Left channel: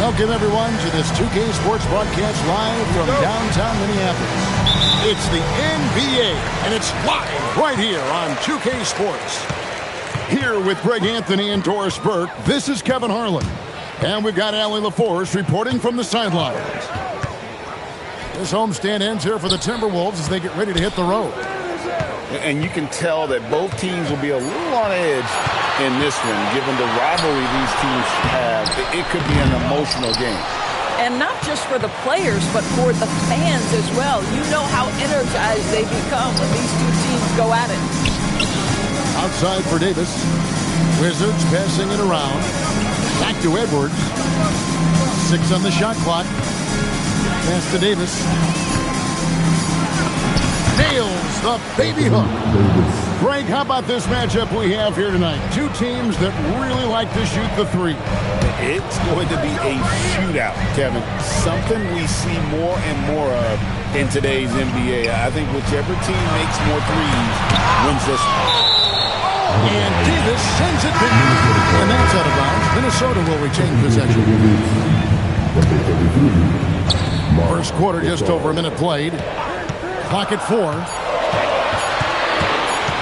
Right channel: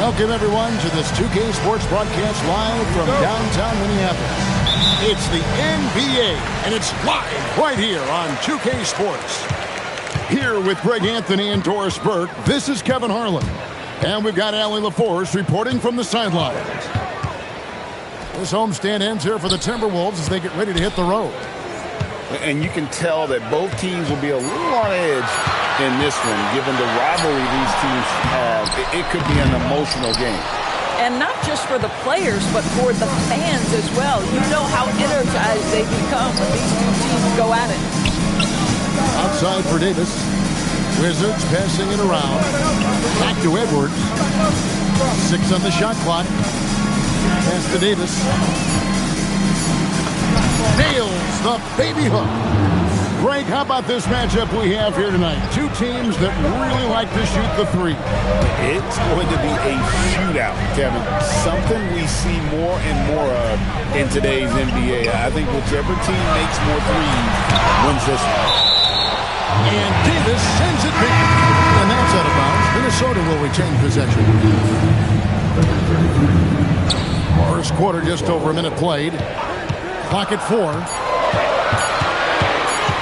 Welcome, everyone, to this 2K Sports broadcast live from downtown Minneapolis. It's the NBA, and it's live right here on 2K Sports. Here with Greg Anthony and Doris Burke, this is Kevin Harlan. And we've got Allie LaForce reporting from the sidelines. This homestand ends here for the Timberwolves as they get ready to hit the road. And you can tell that both teams will be a little on edge in this one, given the rivalry these teams have. It could be an emotional game. And not just for the players, but for the fans as well. You know how energized they become when these two teams go at it. Outside for Davis. Wizards passing it around. Back to Edwards. 6 on the shot clock. Pass to Davis. Nails the baby hook. Greg, how about this matchup we have here tonight? Two teams that really like to shoot the three. It's going to be a shootout, Kevin. Something we see more and more of in today's NBA. I think whichever team makes more threes wins this one. And Davis sends it back. And that's out of bounds. Minnesota will retain possession. First quarter, just over a minute played. Clock at 4.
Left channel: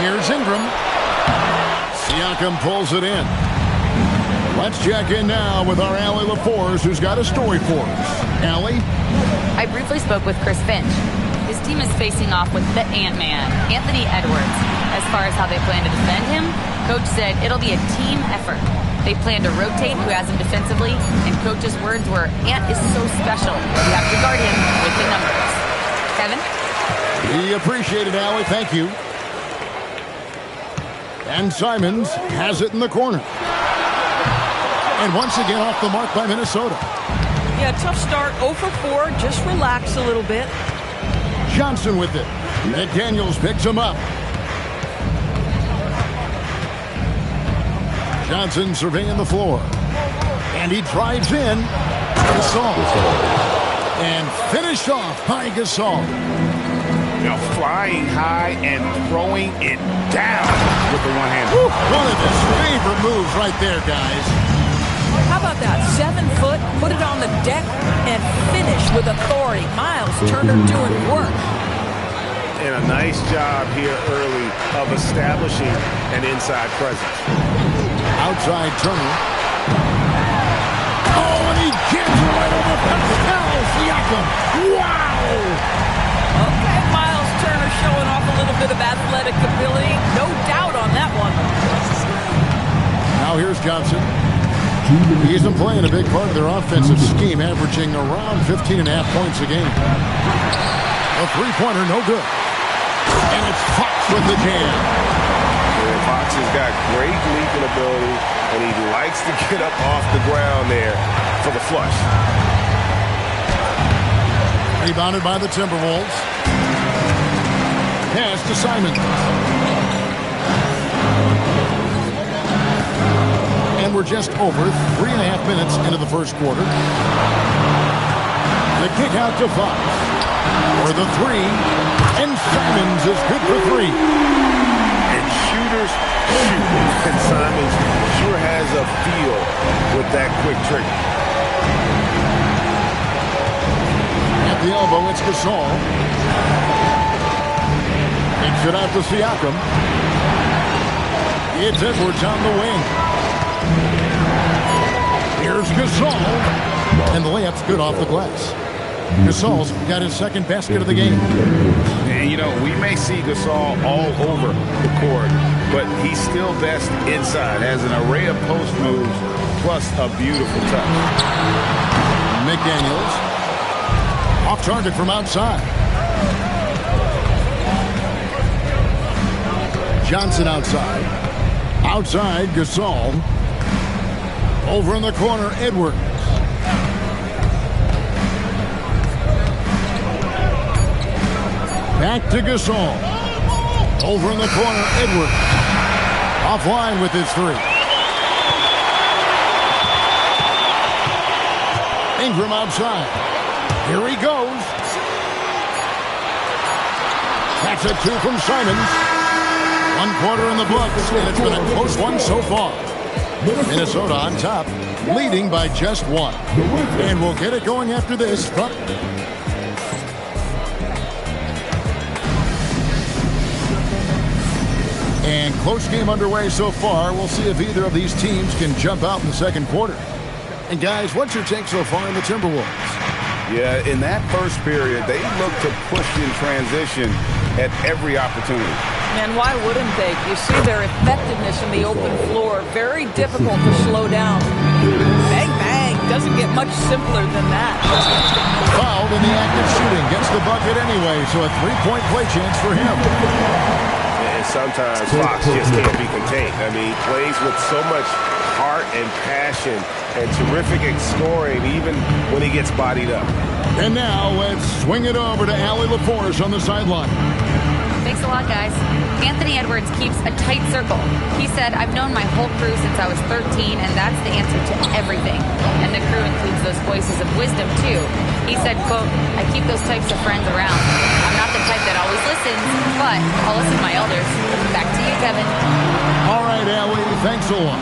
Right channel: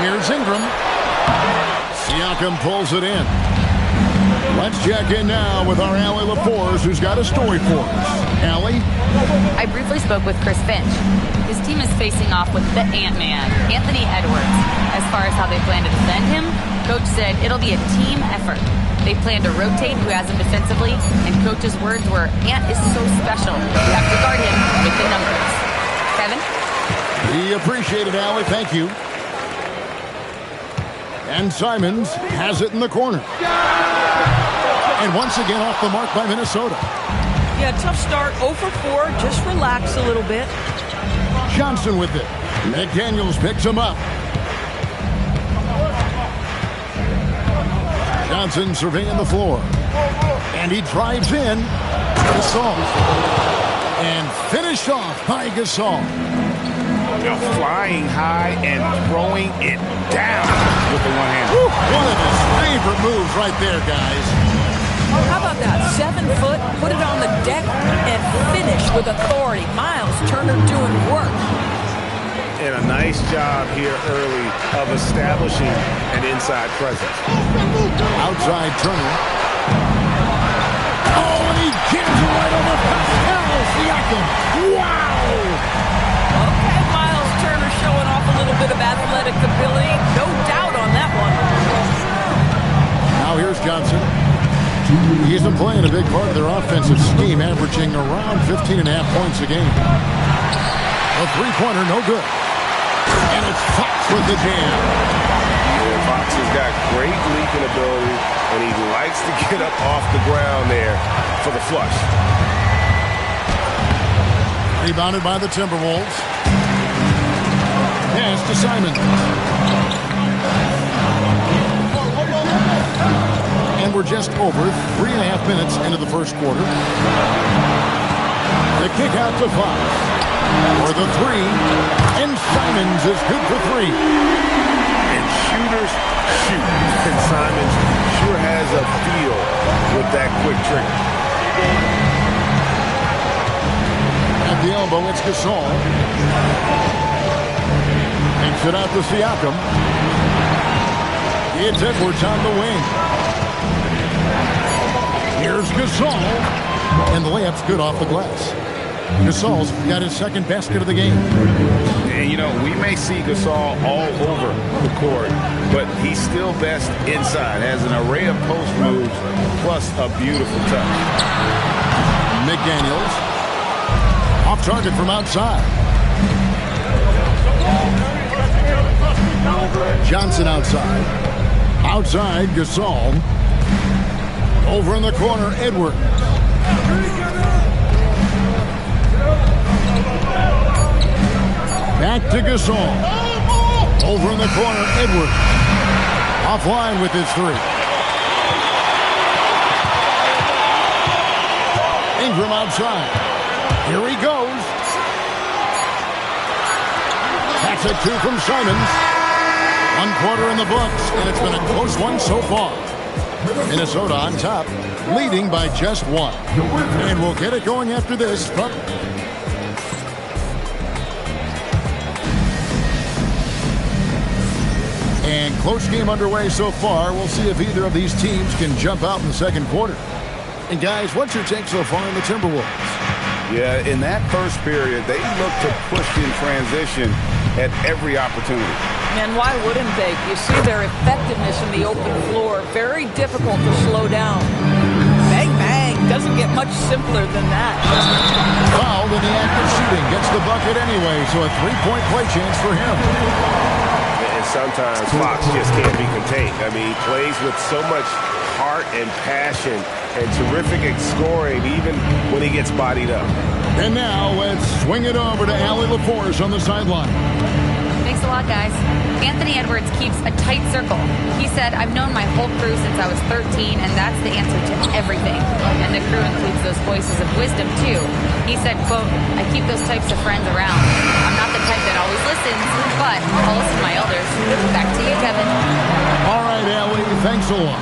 Here's Ingram. Siakam pulls it in. Let's check in now with our Allie LaForce, who's got a story for us. Allie? I briefly spoke with Chris Finch. His team is facing off with the Ant-Man, Anthony Edwards. As far as how they plan to defend him, Coach said it'll be a team effort. They plan to rotate who has him defensively, and Coach's words were, Ant is so special. You have to guard him with the numbers. Kevin? We appreciate it, Allie. Thank you. And Simons has it in the corner. And once again off the mark by Minnesota. Yeah, tough start. 0 for 4. Just relax a little bit. Johnson with it. McDaniels picks him up. Johnson surveying the floor. And he drives in. Gasol. And finished off by Gasol. Now flying high and throwing it down with the one-hander. One of his favorite moves right there, guys. How about that? 7 foot, put it on the deck, and finish with authority. Miles Turner doing work. And a nice job here early of establishing an inside presence. Outside Turner. Oh, and he jams it right over Pascal Siakam. Wow! Okay, Miles Turner showing off a little bit of athletic ability. No doubt on that one. Now here's Johnson. He's been playing a big part of their offensive scheme, averaging around 15.5 points a game. A three-pointer, no good. And it's Fox with the jam. Yeah, Fox has got great leaping ability, and he likes to get up off the ground there for the flush. Rebounded by the Timberwolves. Pass to Simons. And we're just over 3.5 minutes into the first quarter. The kick out to Fox. For the three. And Simons is good for 3. And shooters shoot. And Simons sure has a feel with that quick trigger. At the elbow, it's Gasol. Takes it out to Siakam. It's Edwards on the wing. Here's Gasol. And the layup's good off the glass. Gasol's got his second basket of the game. And, you know, we may see Gasol all over the court, but he's still best inside. Has an array of post moves, plus a beautiful touch. McDaniels. Off target from outside. Johnson outside. Outside, Gasol. Over in the corner, Edwards. Back to Gasol. Over in the corner, Edwards. Offline with his 3. Ingram outside. Here he goes. That's a 2 from Simons. 1 quarter in the books, and it's been a close one so far. Minnesota on top, leading by just one. And we'll get it going after this. And close game underway so far. We'll see if either of these teams can jump out in the second quarter. And guys, what's your take so far in the Timberwolves? Yeah, in that first period, they looked to push in transition at every opportunity. And why wouldn't they? You see their effectiveness in the open floor. Very difficult to slow down. Bang, bang. Doesn't get much simpler than that. Fouled in the act of shooting. Gets the bucket anyway, so a three-point play chance for him. And sometimes Fox just can't be contained. I mean, he plays with so much heart and passion and terrific at scoring even when he gets bodied up. And now let's swing it over to Allie LaForce on the sideline. Thanks a lot, guys. Anthony Edwards keeps a tight circle. He said, I've known my whole crew since I was 13, and that's the answer to everything. And the crew includes those voices of wisdom, too. He said, quote, I keep those types of friends around. I'm not the type that always listens, but I'll listen to my elders. Back to you, Kevin. All right, Allie, thanks a lot.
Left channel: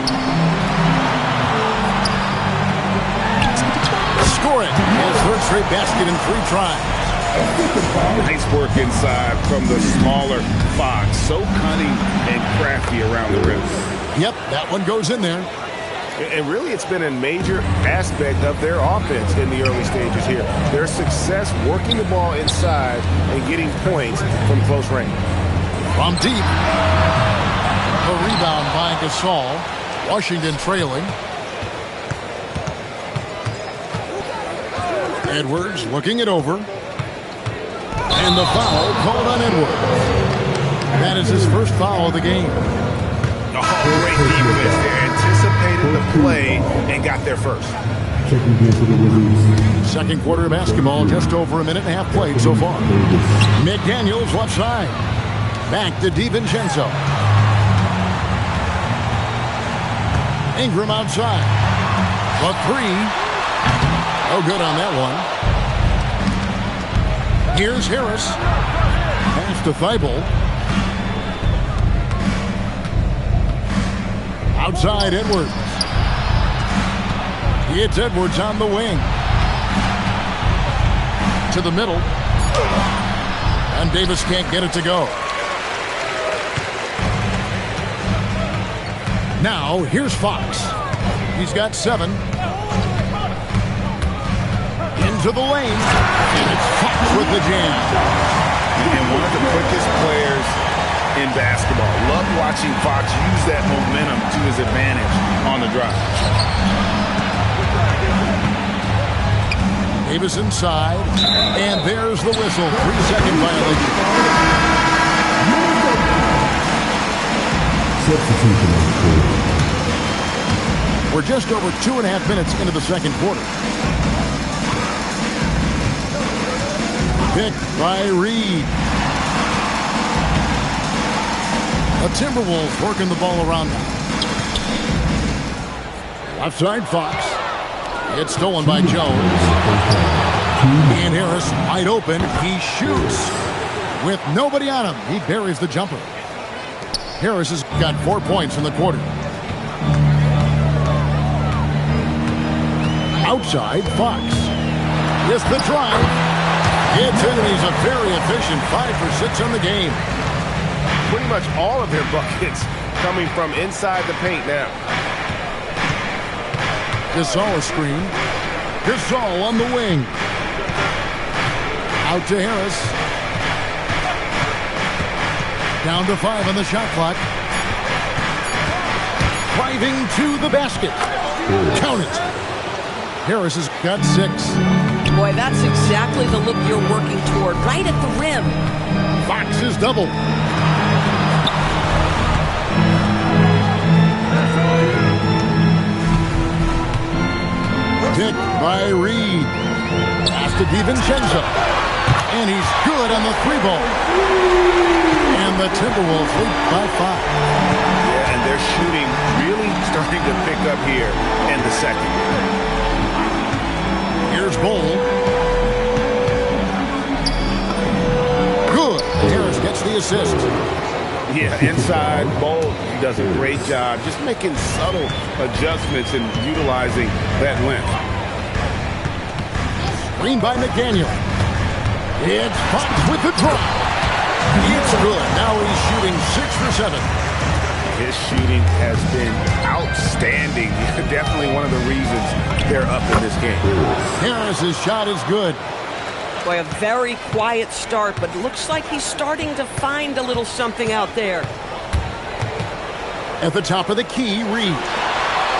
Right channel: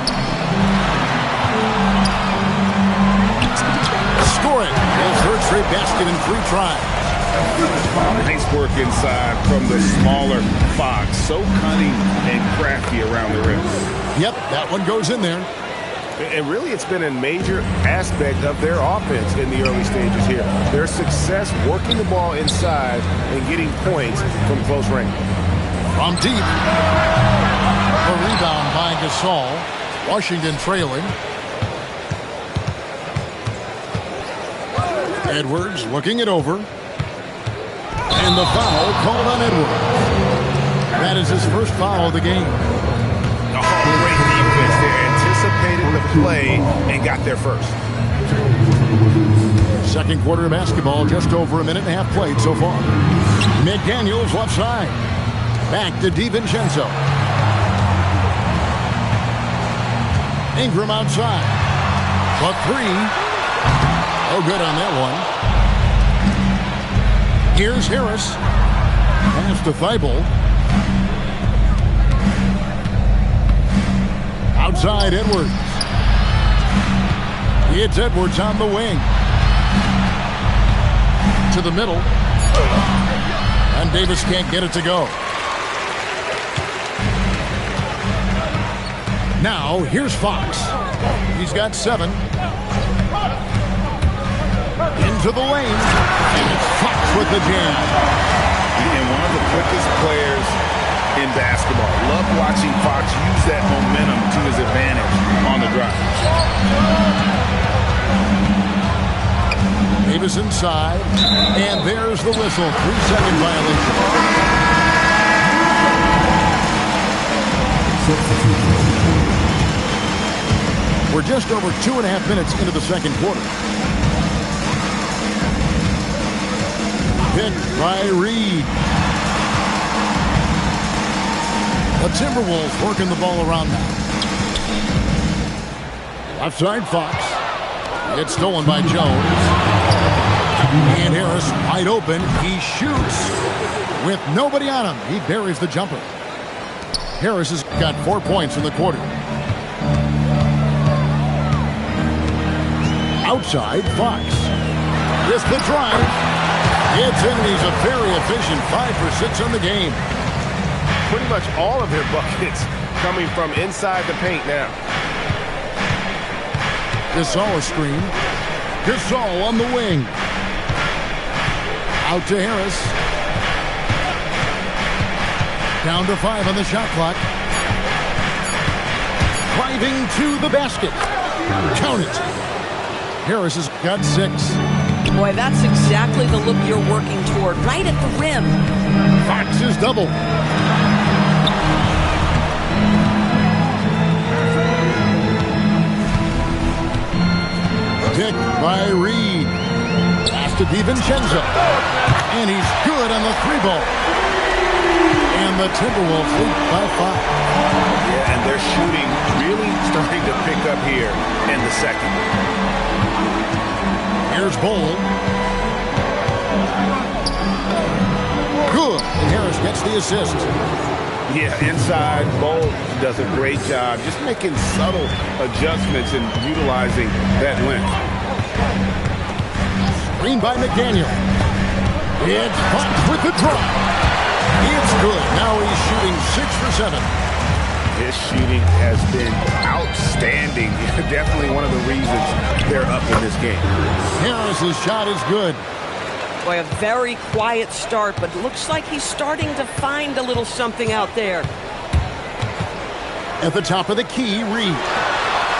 Score it. His third straight basket in 3 tries. Nice work inside from the smaller Fox. So cunning and crafty around the rim. Yep, that one goes in there. And really, it's been a major aspect of their offense in the early stages here. Their success working the ball inside and getting points from close range. From deep. The rebound by Gasol. Washington trailing. Edwards looking it over. And the foul called on Edwards. That is his first foul of the game. Oh, great defense there. Anticipated the play and got there first. Second quarter of basketball, just over a minute and a half played so far. McDaniels left side. Back to DiVincenzo. Ingram outside. The 3. Oh, good on that one. Here's Harris. Pass to Thibault. Outside Edwards. It's Edwards on the wing. To the middle. And Davis can't get it to go. Now, here's Fox. He's got 7. Into the lane. And it's Fox with the jam. And one of the quickest players in basketball. Love watching Fox use that momentum to his advantage on the drive. Davis inside. And there's the whistle. 3-second violation. We're just over 2.5 minutes into the second quarter. Picked by Reed. The Timberwolves working the ball around now. Left side Fox. It's stolen by Jones. And Harris wide open. He shoots with nobody on him. He buries the jumper. Harris has got 4 points in the quarter. Outside Fox. With the drive. It's in, and he's a very efficient 5 for 6 on the game. Pretty much all of their buckets coming from inside the paint now. Gasol a screen. Gasol on the wing. Out to Harris. Down to 5 on the shot clock. Driving to the basket. Count it. Harris has got 6. Boy, that's exactly the look you're working toward, right at the rim. Fox is double. Picked by Reed. Pass to DiVincenzo. And he's good on the 3-ball. And the Timberwolves lead by 5. Yeah, and their shooting really starting to pick up here in the second. Here's Bull. Good. And Harris gets the assist. Yeah, inside, Bolt does a great job just making subtle adjustments and utilizing that length. Screen by McDaniel. It's Fox with the drive. It's good. Now he's shooting 6 for 7. His shooting has been outstanding. Definitely one of the reasons they're up in this game. Harris's shot is good. Boy, a very quiet start, but looks like he's starting to find a little something out there. At the top of the key, Reed.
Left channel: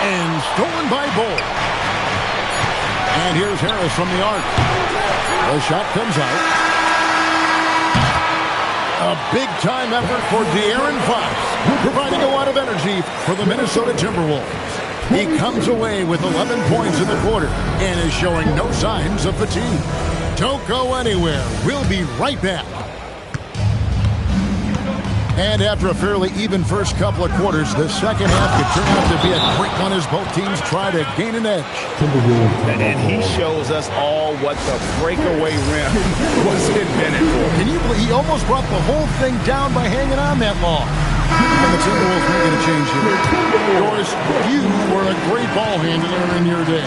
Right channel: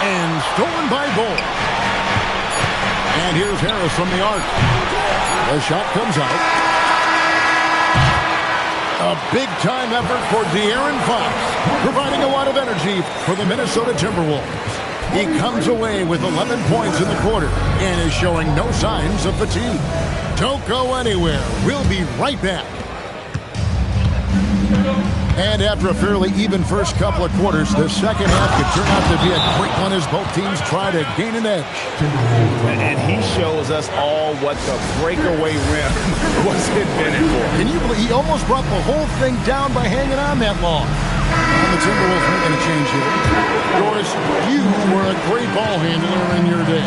And stolen by Bull. And here's Harris from the arc. The shot comes out. A big-time effort for De'Aaron Fox, providing a lot of energy for the Minnesota Timberwolves. He comes away with 11 points in the quarter and is showing no signs of fatigue. Don't go anywhere. We'll be right back. And after a fairly even first couple of quarters, the second half could turn out to be a great one as both teams try to gain an edge. And he shows us all what the breakaway rim was invented for. Can you believe he almost brought the whole thing down by hanging on that long? And the Timberwolves making a change here. Doris, you were a great ball handler in your day.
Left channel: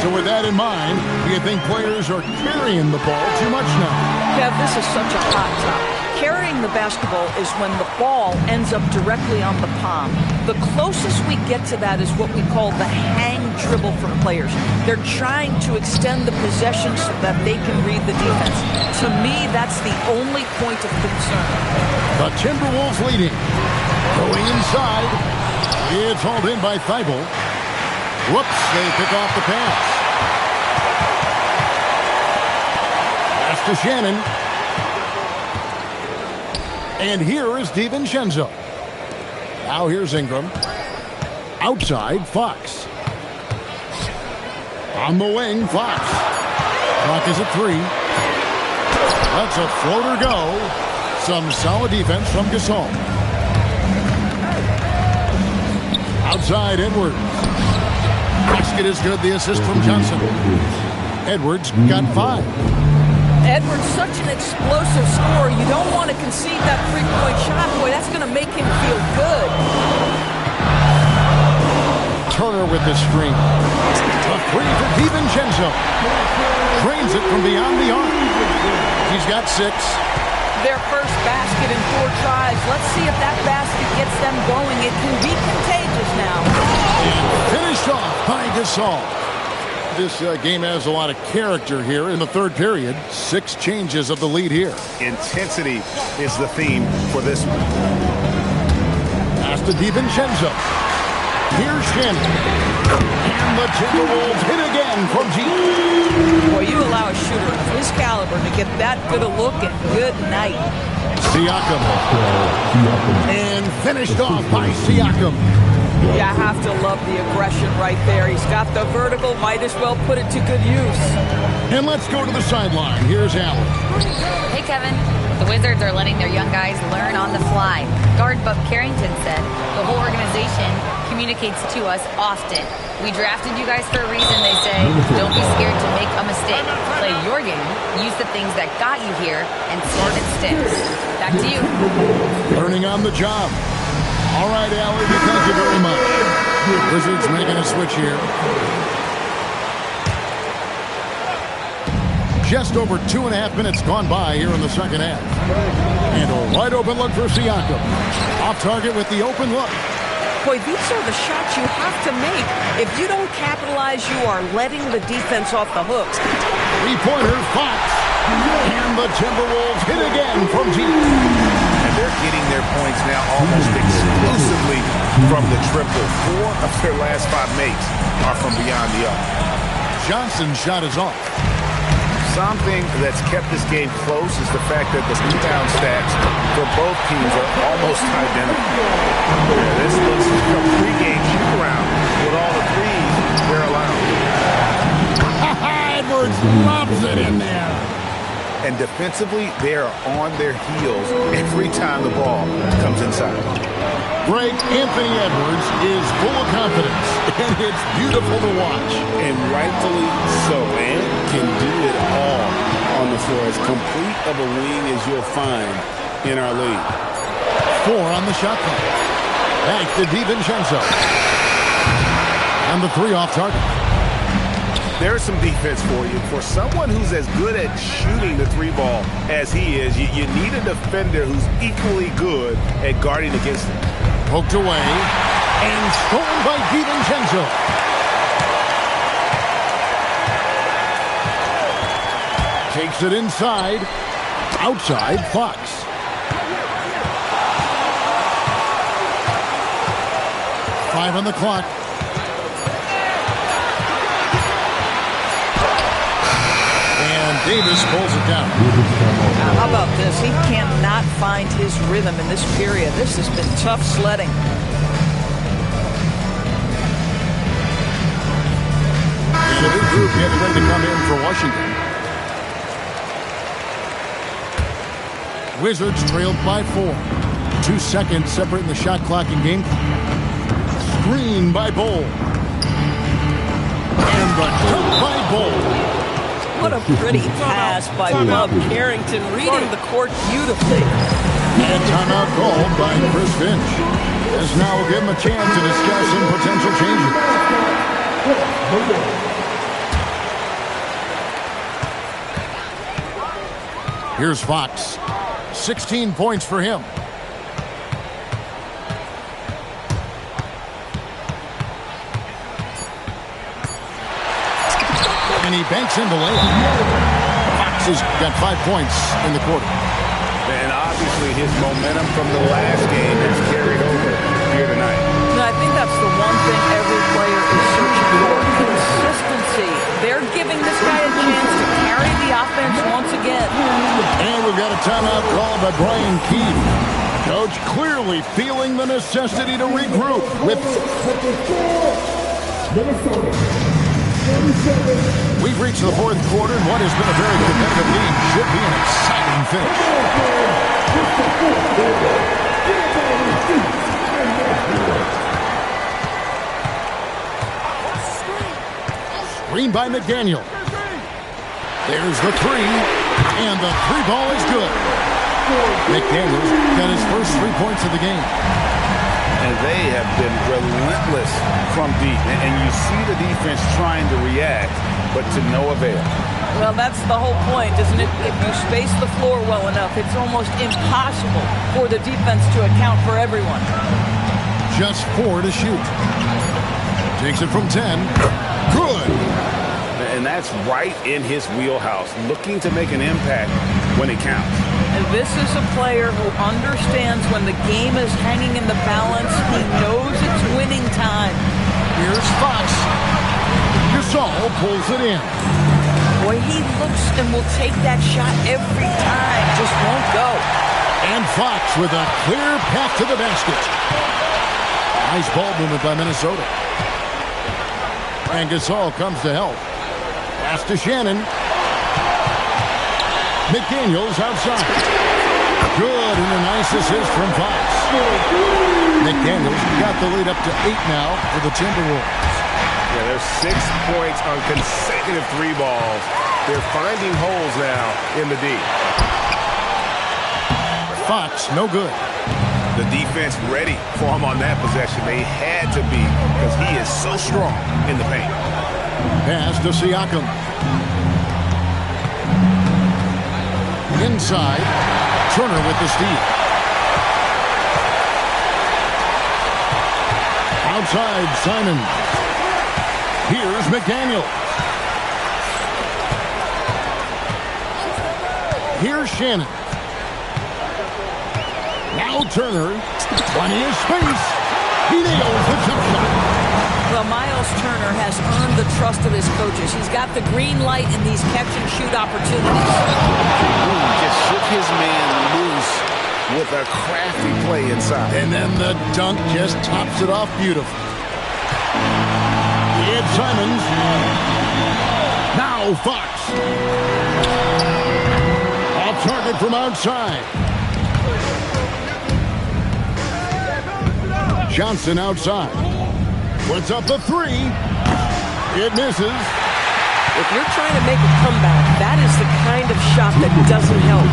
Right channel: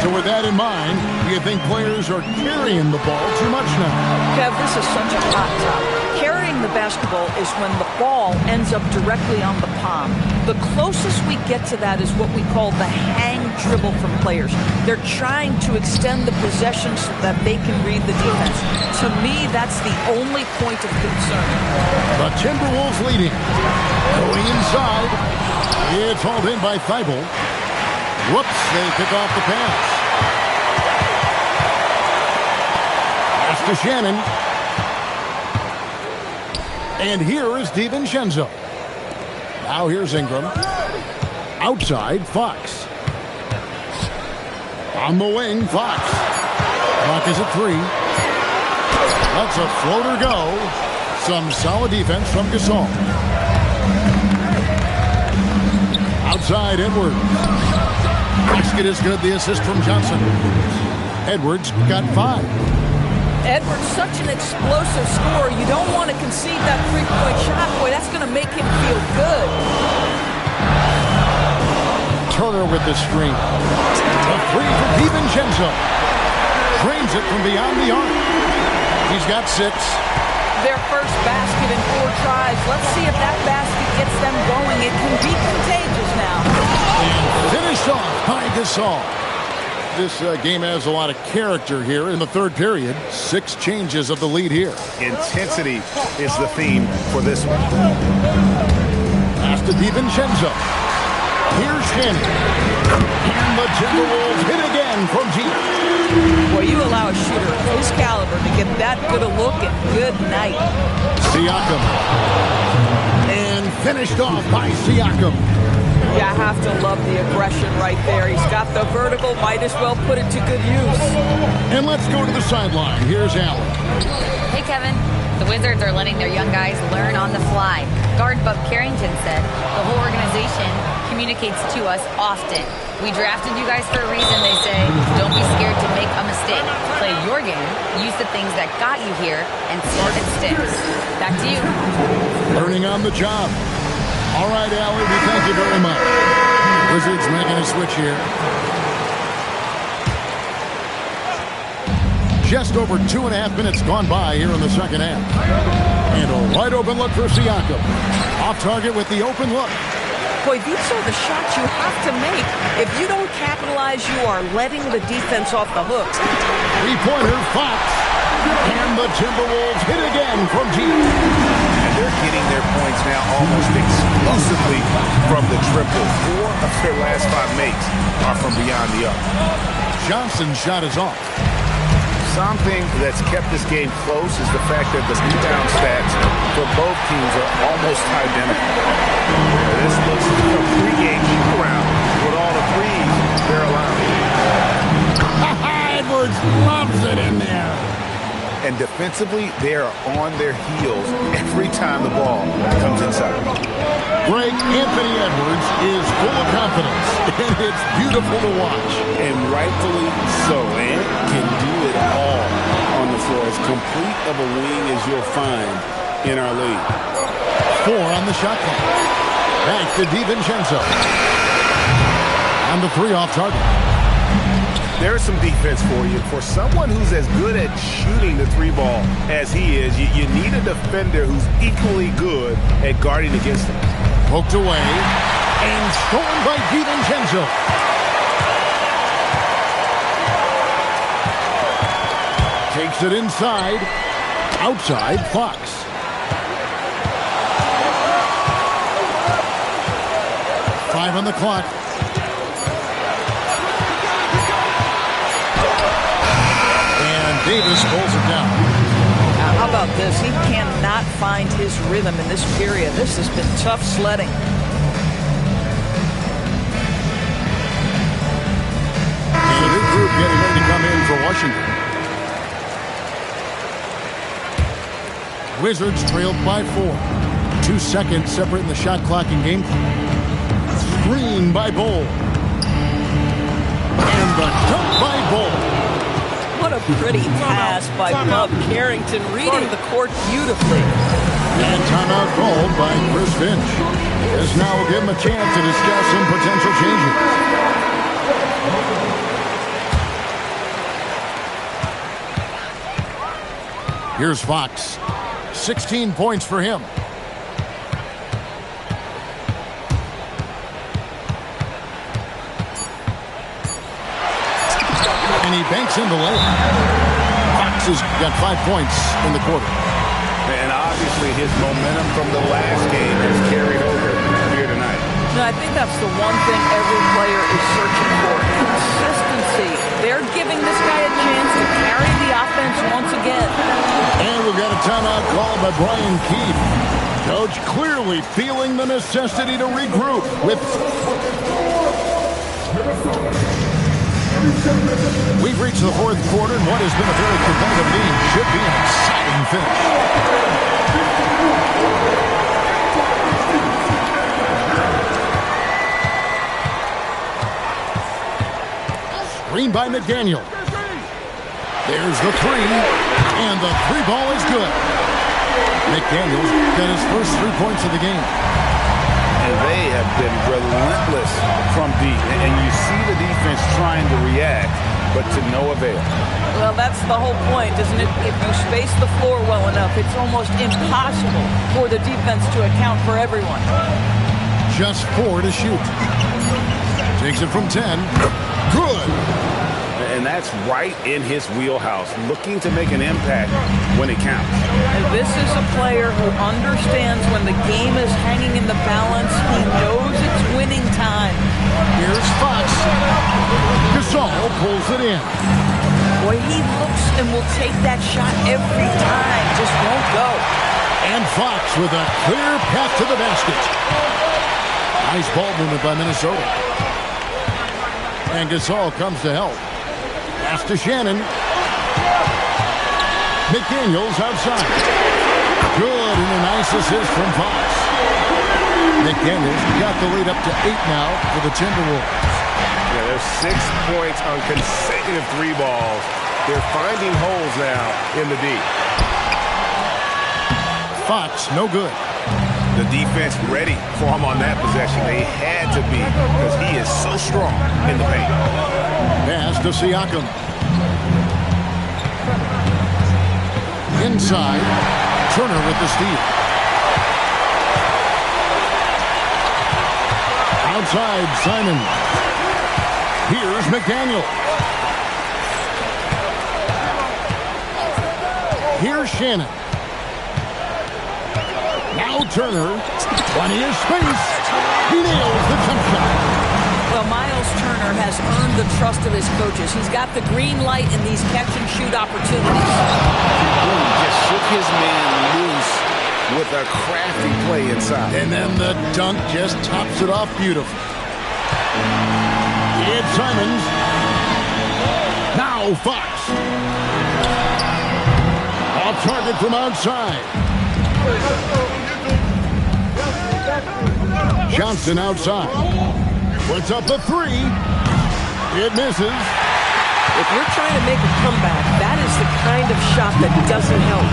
So with that in mind, do you think players are carrying the ball too much now? Kev, this is such a hot topic. Carrying the basketball is when the ball ends up directly on the palm. The closest we get to that is what we call the hang dribble from players. They're trying to extend the possession so that they can read the defense. To me, that's the only point of concern. The Timberwolves leading. Going inside. It's hauled in by Thibault. Whoops, they pick off the pass. Pass to Shannon. And here is DiVincenzo. Now here's Ingram. Outside, Fox. On the wing, Fox. Clock is at 3. Lets a floater go. Some solid defense from Gasol. Outside, Edwards. Basket is good. The assist from Johnson. Edwards got 5. Edwards, such an explosive scorer. You don't want to concede that three-point shot. Boy, that's going to make him feel good. Turner with the screen. A 3 for DiVincenzo. Drains it from beyond the arc. He's got 6. Their first basket in 4 tries. Let's see if that basket gets them going. It can be contagious now. And finished off by Gasol. This game has a lot of character here in the third period. 6 changes of the lead here. Intensity is the theme for this one. Pass to DiVincenzo. Here's Shannon. And the Timberwolves hit again from deep. Boy, you allow a shooter of his caliber to get that good a look and good night. Siakam. And finished off by Siakam. You have to love the aggression right there. He's got the vertical, might as well put it to good use. And let's go to the sideline. Here's Allen. Hey, Kevin. The Wizards are letting their young guys learn on the fly. Guard Bub Carrington said the whole organization communicates to us often. We drafted you guys for a reason, they say. Don't be scared to make a mistake. Play your game, use the things that got you here, and see if it sticks. Back to you. Learning on the job. All right, Allie, we thank you very much. Wizards making a switch here. Just over 2.5 minutes gone by here in the second half. And a wide open look for Siakam. Off target with the open look. Boy, these are the shots you have to make. If you don't capitalize, you are letting the defense off the hook. Three-pointer, Fox. And the Timberwolves hit again from deep. And they're getting their points now almost exclusively from the triple. 4 of their last 5 makes are from beyond the arc. Johnson's shot is off. Something that's kept this game close is the fact that the rebound stats for both teams are almost identical. Yeah, this looks like a pregame shoot-around with all the threes they're allowing. Edwards loves it in there. And defensively, they are on their heels every time the ball comes inside. Greg, Anthony Edwards is full of confidence, and it's beautiful to watch. And rightfully so. Ant can do it all on the floor. As complete of a wing as you'll find in our league. 4 on the shot clock. Back to DiVincenzo. And the 3 off target. There's some defense for you. For someone who's as good at shooting the 3-ball as he is, you need a defender who's equally good at guarding against him. Poked away and stolen by DiVincenzo. Takes it inside. Outside, Fox. Five on the clock. And Davis pulls it down. Now, how about this? He cannot find his rhythm in this period. This has been tough sledding. And a new group getting ready to come in for Washington. Wizards trailed by 4. 2 seconds separating the shot clock and game clock. Screen by Bowl. And the dunk by Bowl. What a pretty pass by Bob Carrington, reading the court beautifully. And timeout called by Chris Finch. As now we'll give him a chance to discuss some potential changes. Here's Fox. 16 points for him. And he banks in the layup. Fox has got 5 points in the quarter. And obviously his momentum from the last game has carried over here tonight. No, I think that's the one thing every player is searching for. Consistency. They're giving this guy a chance to carry the offense once again. And we've got a timeout call by Brian Keefe. Coach clearly feeling the necessity to regroup with... We've reached the 4th quarter, and what has been a very competitive game should be an exciting finish. Screen by McDaniel. There's the 3, and the 3-ball is good. McDaniel's got his first 3 points of the game. And they have been relentless from deep. And you see the defense trying to react, but to no avail. Well, that's the whole point, isn't it? If you space the floor well enough, it's almost impossible for the defense to account for everyone. Just 4 to shoot. Takes it from 10. Good. And that's right in his wheelhouse, looking to make an impact when it counts. And this is a player who understands when the game is hanging in the balance. He knows it's winning time. Here's Fox. Gasol pulls it in. Boy, he looks and will take that shot every time. Just won't go. And Fox with a clear path to the basket. Nice ball movement by Minnesota. And Gasol comes to help. Pass to Shannon. McDaniels outside. Good, and a nice assist from Fox. McDaniels got the lead up to 8 now for the Timberwolves. Yeah, there's 6 points on consecutive 3 balls. They're finding holes now in the D. Fox, no good. The defense ready for him on that possession. They had to be, because he is so strong in the paint. Pass to Siakam. Inside, Turner with the steal. Outside, Simon. Here's McDaniel. Here's Shannon. Now Turner. Plenty of space. He nails the jump shot. Well, Miles Turner has earned the trust of his coaches. He's got the green light in these catch-and-shoot opportunities. Ooh, just shook his man loose with a crafty play inside. And then the dunk just tops it off beautifully. Ed Simons. Now Fox. Off target from outside. Johnson outside. Puts up the 3. It misses. If you're trying to make a comeback, that is the kind of shot that doesn't help.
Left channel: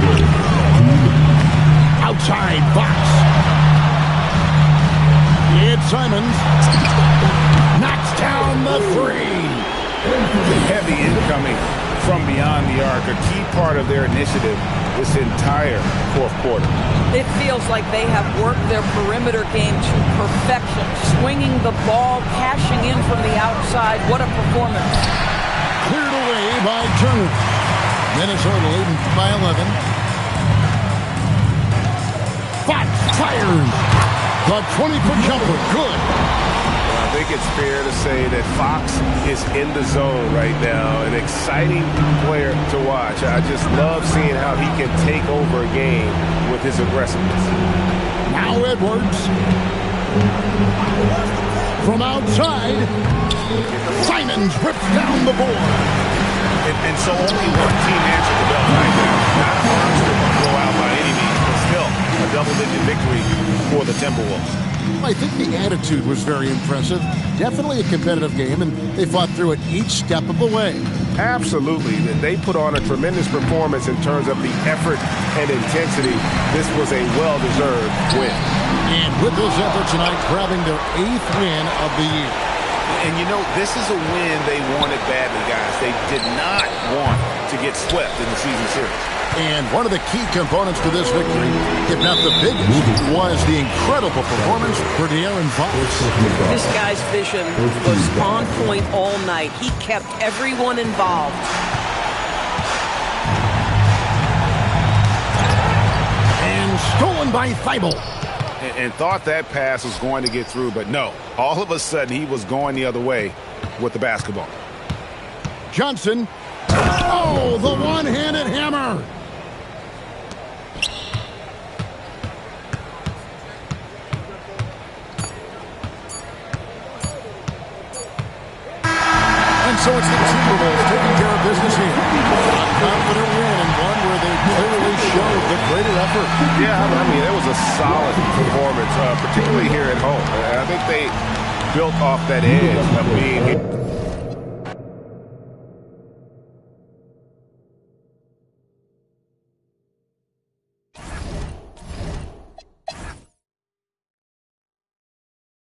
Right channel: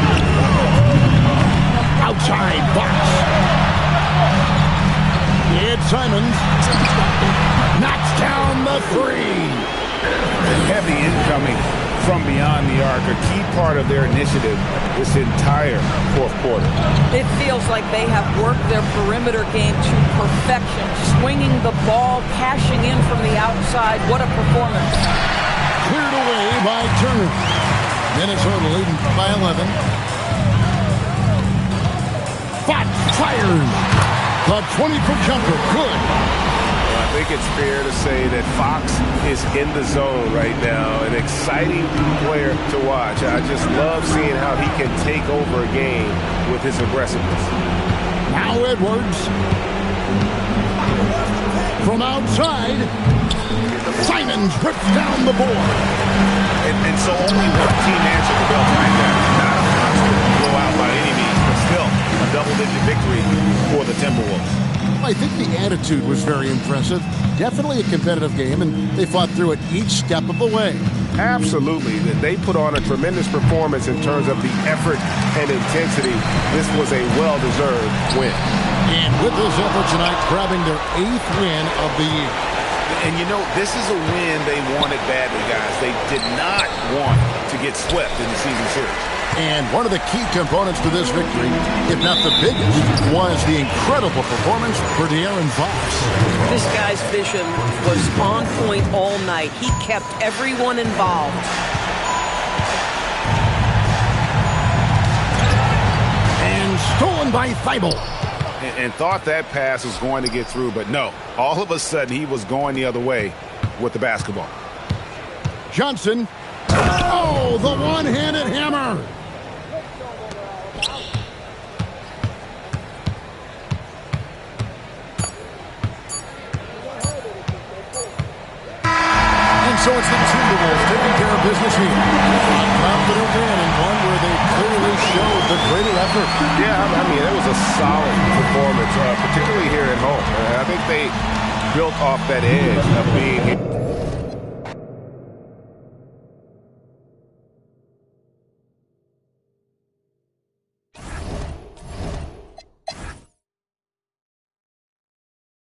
Outside, Fox. It's Simons. Knocks down the three. Heavy incoming from beyond the arc, a key part of their initiative this entire fourth quarter. It feels like they have worked their perimeter game to perfection, swinging the ball, cashing in from the outside. What a performance. Cleared away by Turner. Minnesota leading by 11. Fox fires. The 20-foot jumper, good. I think it's fair to say that Fox is in the zone right now. An exciting player to watch. I just love seeing how he can take over a game with his aggressiveness. Now Edwards. From outside, Simons rips down the board. And so only one team answered the bell tonight, guys. Not a monster blowout by any means, but still a double-digit victory for the Timberwolves. I think the attitude was very impressive. Definitely a competitive game, and they fought through it each step of the way. Absolutely. They put on a tremendous performance in terms of the effort and intensity. This was a well-deserved win. And with this effort tonight, grabbing their 8th win of the year. And you know, this is a win they wanted badly, guys. They did not want to get swept in the season series. And one of the key components to this victory, if not the biggest, was the incredible performance for De'Aaron Fox. This guy's vision was on point all night. He kept everyone involved. And stolen by Thibault. And thought that pass was going to get through, but no. All of a sudden, he was going the other way with the basketball. Johnson. Oh, the one-handed hammer. And so it's the Timberwolves taking care of business here. A confident win and one where they clearly showed the greater effort. Yeah, I mean, it was a solid performance, particularly here at home. I think they built off that edge of being here.